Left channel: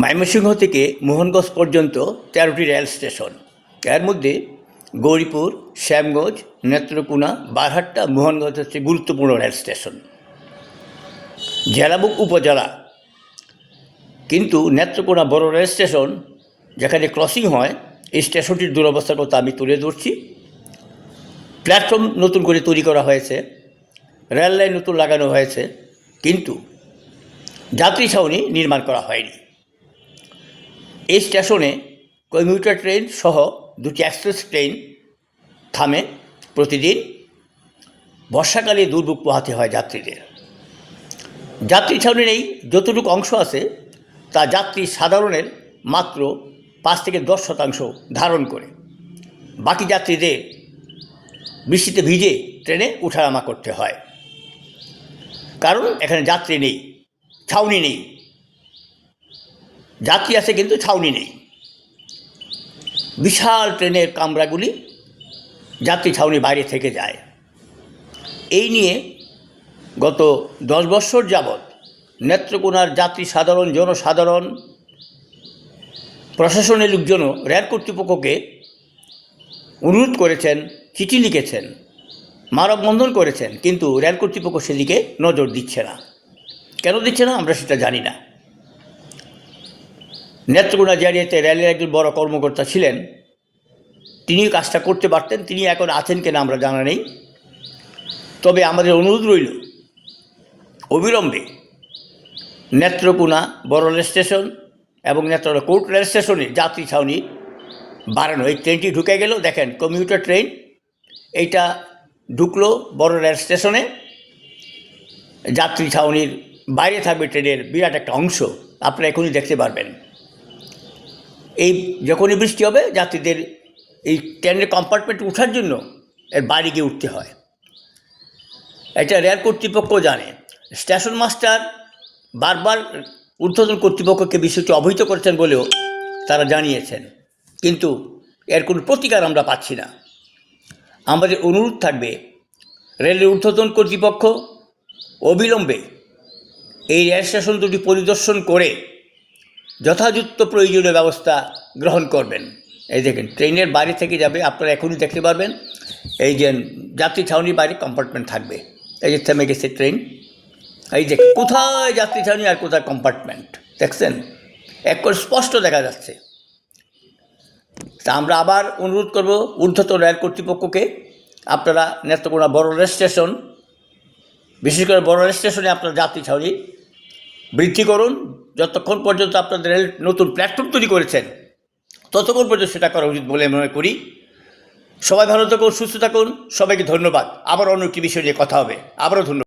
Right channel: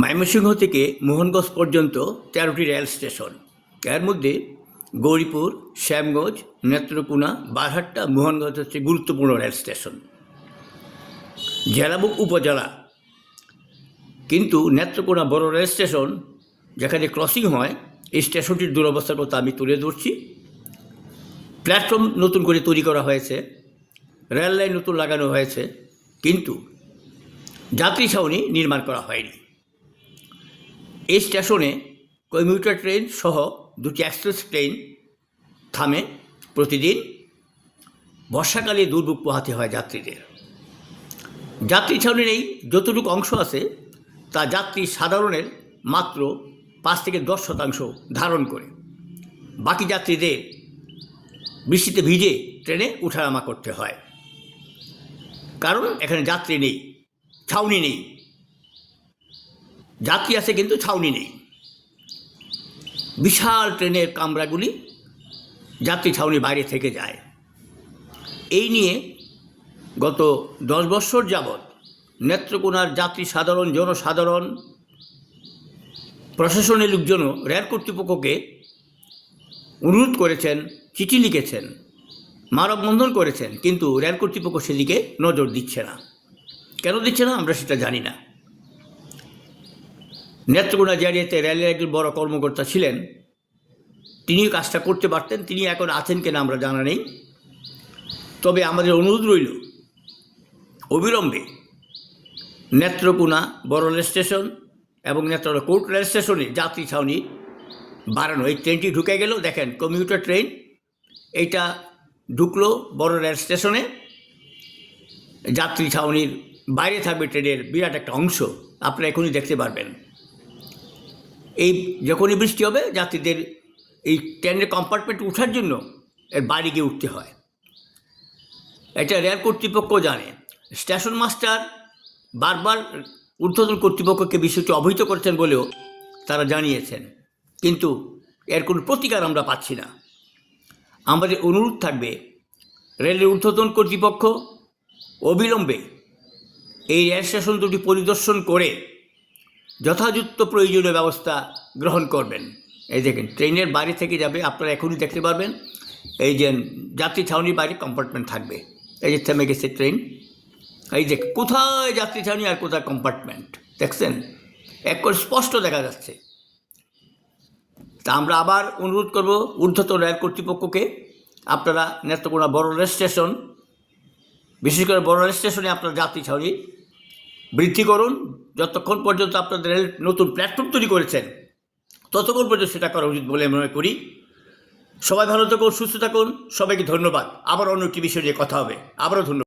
ময়মনসিংহ থেকে মোহনগঞ্জ পর্যন্ত ১৩টি রেল স্টেশন। এর মধ্যে গৌরীপুর, শ্যামগঞ্জ, নেত্রকোনা, বারহাট্টা, মোহনগঞ্জ হচ্ছে গুরুত্বপূর্ণ রেল স্টেশন, জেলা এবং উপজেলা। কিন্তু নেত্রকোনা বড় রেল স্টেশন, যেখানে ক্রসিং হয়, এই স্টেশনটির দুরবস্থার কথা আমি তুলে ধরছি। প্ল্যাটফর্ম নতুন করে তৈরি করা হয়েছে, রেল লাইন নতুন লাগানো হয়েছে, কিন্তু যাত্রী ছাউনি নির্মাণ করা হয়নি। এই স্টেশনে কমিউটার ট্রেন সহ দুটি এক্সপ্রেস ট্রেন থামে প্রতিদিন। বর্ষাকালে দুর্ভোগ পোহাতে হয় যাত্রীদের। যাত্রী ছাউনি নেই, যতটুকু অংশ আছে তা যাত্রী সাধারণের মাত্র ৫ থেকে ১০% ধারণ করে। বাকি যাত্রীদের বৃষ্টিতে ভিজে ট্রেনে ওঠানামা করতে হয়, কারণ এখানে যাত্রী নেই, ছাউনি নেই। যাত্রী আছে কিন্তু ছাউনি নেই। বিশাল ট্রেনের কামরাগুলি যাত্রী ছাউনি বাইরে থেকে যায়। এই নিয়ে গত ১০ বছর যাবৎ নেত্রকোনার যাত্রী জনসাধারণ, প্রশাসনের লোকজনও রেল কর্তৃপক্ষকে অনুরোধ করেছেন, চিঠি লিখেছেন, মানববন্ধন করেছেন, কিন্তু রেল কর্তৃপক্ষ সেদিকে নজর দিচ্ছে না। কেন দিচ্ছে না আমরা সেটা জানি না। নেত্রকোনা জারিয়াতে রেলের একজন বড় কর্মকর্তা ছিলেন, তিনিও কাজটা করতে পারতেন। তিনি এখন আছেন কিনা আমরা জানা নেই। তবে আমাদের অনুরোধ রইল, অবিলম্বে নেত্রকোনা বড় রেল স্টেশন এবং নেত্রকোনা কোর্ট রেল স্টেশনে যাত্রী ছাউনি বাড়ানো। এই ট্রেনটি ঢুকে গেল, দেখেন কমিউটার ট্রেন, এইটা ঢুকলো বড় রেল স্টেশনে। যাত্রী ছাউনির বাইরে থাকবে ট্রেনের বিরাট একটা অংশ, আপনারা এখনই দেখতে পারবেন। এই যখনই বৃষ্টি হবে, যাত্রীদের এই ট্রেনের কম্পার্টমেন্টে ওঠার জন্য এর বাইরে গিয়ে উঠতে হয়। এটা রেল কর্তৃপক্ষ জানে। স্টেশন মাস্টার বারবার ঊর্ধ্বতন কর্তৃপক্ষকে বিষয়টি অবহিত করেছেন বলেও তারা জানিয়েছেন, কিন্তু এর কোনো প্রতিকার আমরা পাচ্ছি না। আমাদের অনুরোধ থাকবে, রেলের ঊর্ধ্বতন কর্তৃপক্ষ অবিলম্বে এই রেল স্টেশন দুটি পরিদর্শন করে যথাযথ প্রয়োজনীয় ব্যবস্থা গ্রহণ করবেন। এই দেখেন ট্রেনের বাইরে থেকে যাবে, আপনারা এখনই দেখতে পারবেন। এই যে যাত্রী ছাউনির বাইরে কম্পার্টমেন্ট থাকবে। এই যে থেমে গেছে ট্রেন, এই যে কোথায় যাত্রী ছাউনি আর কোথায় কম্পার্টমেন্ট দেখছেন, এক করে স্পষ্ট দেখা যাচ্ছে। তা আমরা আবার অনুরোধ করব ঊর্ধ্বতন রেল কর্তৃপক্ষকে, আপনারা নেত্রকোনা বড় রেল স্টেশন, বিশেষ করে বড় রেল স্টেশনে আপনারা যাত্রী ছাউনি বৃদ্ধি করুন। যতক্ষণ পর্যন্ত আপনাদের রেল নতুন প্ল্যাটফর্ম তৈরি করেছেন, ততক্ষণ পর্যন্ত সেটা করা উচিত বলে মনে করি। সবাই ভালো থাকুন, সুস্থ থাকুন, সবাইকে ধন্যবাদ। আবার অন্য একটি বিষয় নিয়ে কথা হবে। আবারও ধন্যবাদ।